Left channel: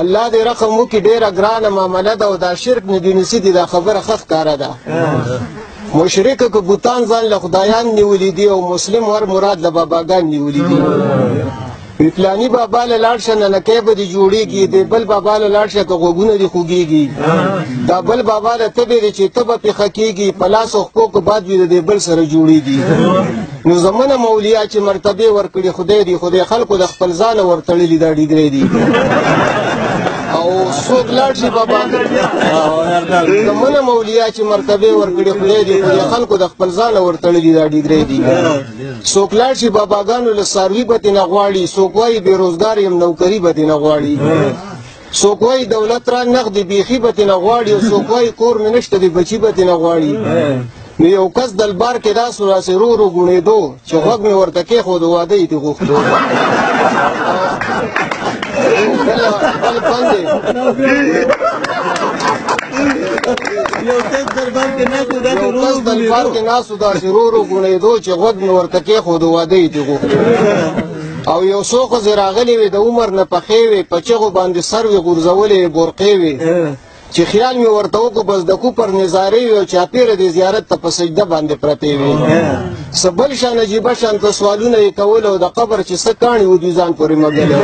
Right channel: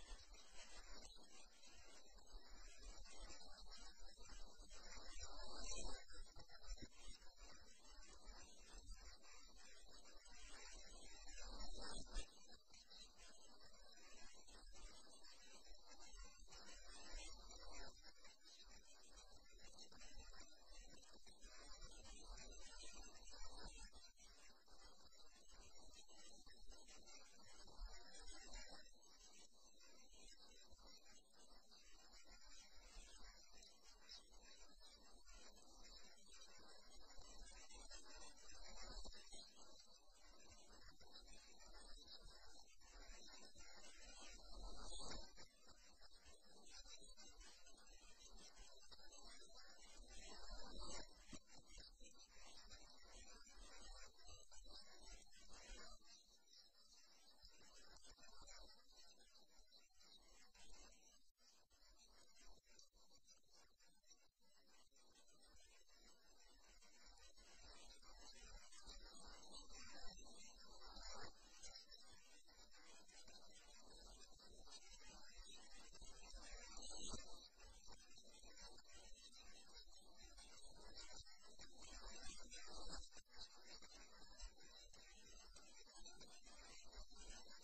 الله دې رقم وکړي ډېره ګرانه معامله ده او دا شرک ندونسي دي دا خبره ښه ښکاره ده مشرک که بوتان ځان له خدایان نیولي دي او مسلم ور مراد له باباګان نیولي دي وی پلاني بابا له لاړ شه ننکۍ به دې جوړېږي د بل بابا له لاړ شه که غوږونه دې خوږېږي دا بل بابا له تبې دی چې ته به پېښه کېږي په لاس او خپو که باد وي د دې بل سره جوړېږي نو زمونه مولیا چې مرتبې ورکړي خدای دی خدای خلکو د خپل ځانه ورتړلي دا ډیګرې دي او څوک لاړ شي بابا زمونه مولیا چې مرتبې ورکړي خدای دی خدای خلکو د خپل ځانه ورتړلي دا ډیګرې دي څوک لاړ شي باباګانو له څاروي به ترې نه غواړي څوک وایي بېروزګار یم نوکري به ترې نه غواړي څوک وایي دولت را نغدې بیخي به ترې نه غواړي او څوک وایي کور مې نشته دی بچي به ترې نه غواړي نو یو کس دلبار کې داسې راسې رو رو ګوڼېدو چې غوږ مې ورته کېښود واده یې ترې غوښتو بل خوند دی یو کس دلبار کې ناست و داسې رو رو ګوڼېدو چې غوږ مې ورته کېښود واده یې ترې غوښتو او یو څو ښځې راغلې وې د عمر نه پخې وې په چغو باندې سر وې غورځولې برقې وې چې خیال مې ورته وکړو بس د کوپر نظارې وې او چاپېره د زیارت ته په سجده باندې پرتې وې څه بل شان عجیبه شانته سوالونه یې کول او د قبر چې څه کاڼي و دوی ځان پورې مږلې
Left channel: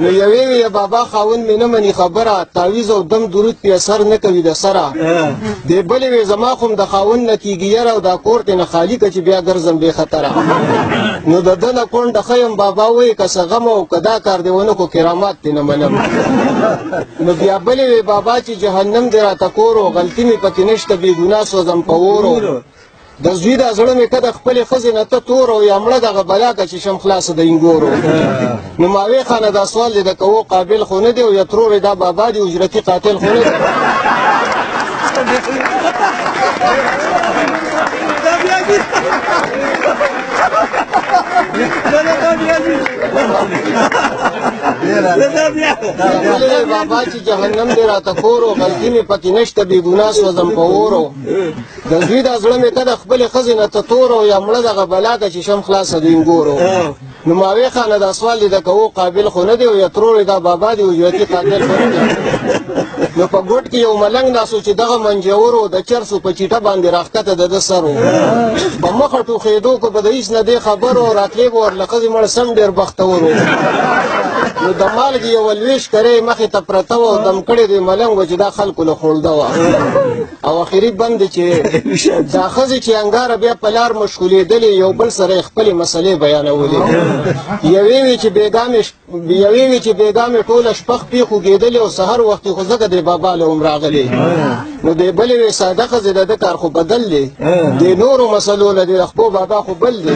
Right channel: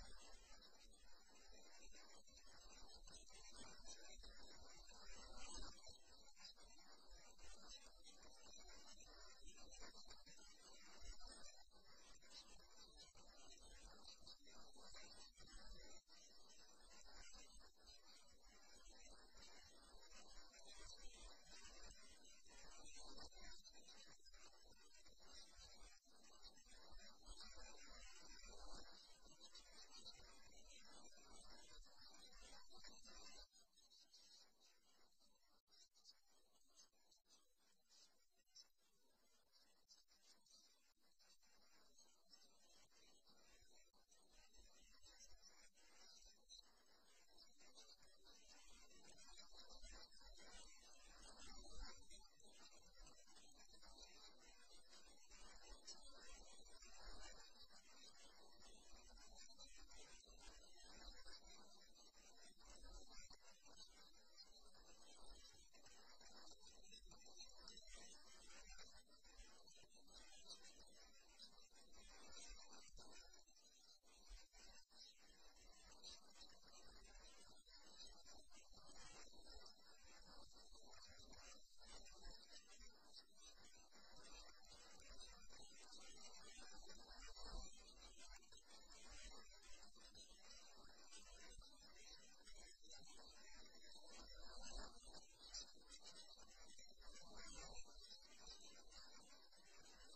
نو یوې وې بابا خاوند مې نه مني خبره تعویض او دم درود پې اثر نه کوي د سره دې بلې وې زما خو د خاوند نه کېږي یره او دا کور ترې نه خالي که چې بیا ګرځم بې خطره نو د ده نه کونډه ښه یم بابا وایي که څه غم او که دا کار دې ونه کړو کرامات دې نه منم نو بیا بلې وې بابا چې جهنم دې راته کور و غلطي مې پکې نشته بې ګناه سوځم په اور د زوی دا زړه مې که د خپلې ښځې نه ته تور او یا مړه دغه بلا که چې شم خلاصه د انګورو نو ماوې خانه دا سوال دی د کوو قابل خو نه دی او یا ترورې دا بابا دی اجرتي قاتل خو نه دی بابا چې جهنم دې راته کور و غلطي مې پکې نشته بې ګناه سوځم په اورو د زوی دا زړه مې که د خپلې ښځې نه ته تور او یا مړه دغه بلا که چې شم خلاصه د انګورو نو ماوې خانه دا سوال دی د کوو قابل خو نه دی او یا ترورې دا بابا دی اجرتي قاتل خو نه دی نو په ګوټ کې یو ملنګ ناست چې دغه منجورو د چرسو په چیټه باندې راښکته د ده سر و په مخه ټوخېدو که به د هېڅ نه دې خبر و راتلې به ورله ښځې مړ سم ډېر بختور و نو د مالګې یوه لویش کرۍ مخې ته پرته وه او دم کړې د ملنګ وه چې دا خلکو له خوړده وه او اخري بند دی چې دا ښځې چې انګاره بیا په لار مشغولېدلې یو بل سره یې خپلې مسلې بیانولې یوې وې چې بېګا مې ټوله شپه خپې خوږېدلې او سهار وختې خو ځکه دې بابا له هم راغلې نو دې بلې وې ساده ښځې د ده کار خو بدل دی دې نورو مسلو له دې خپو بابا خو بل دی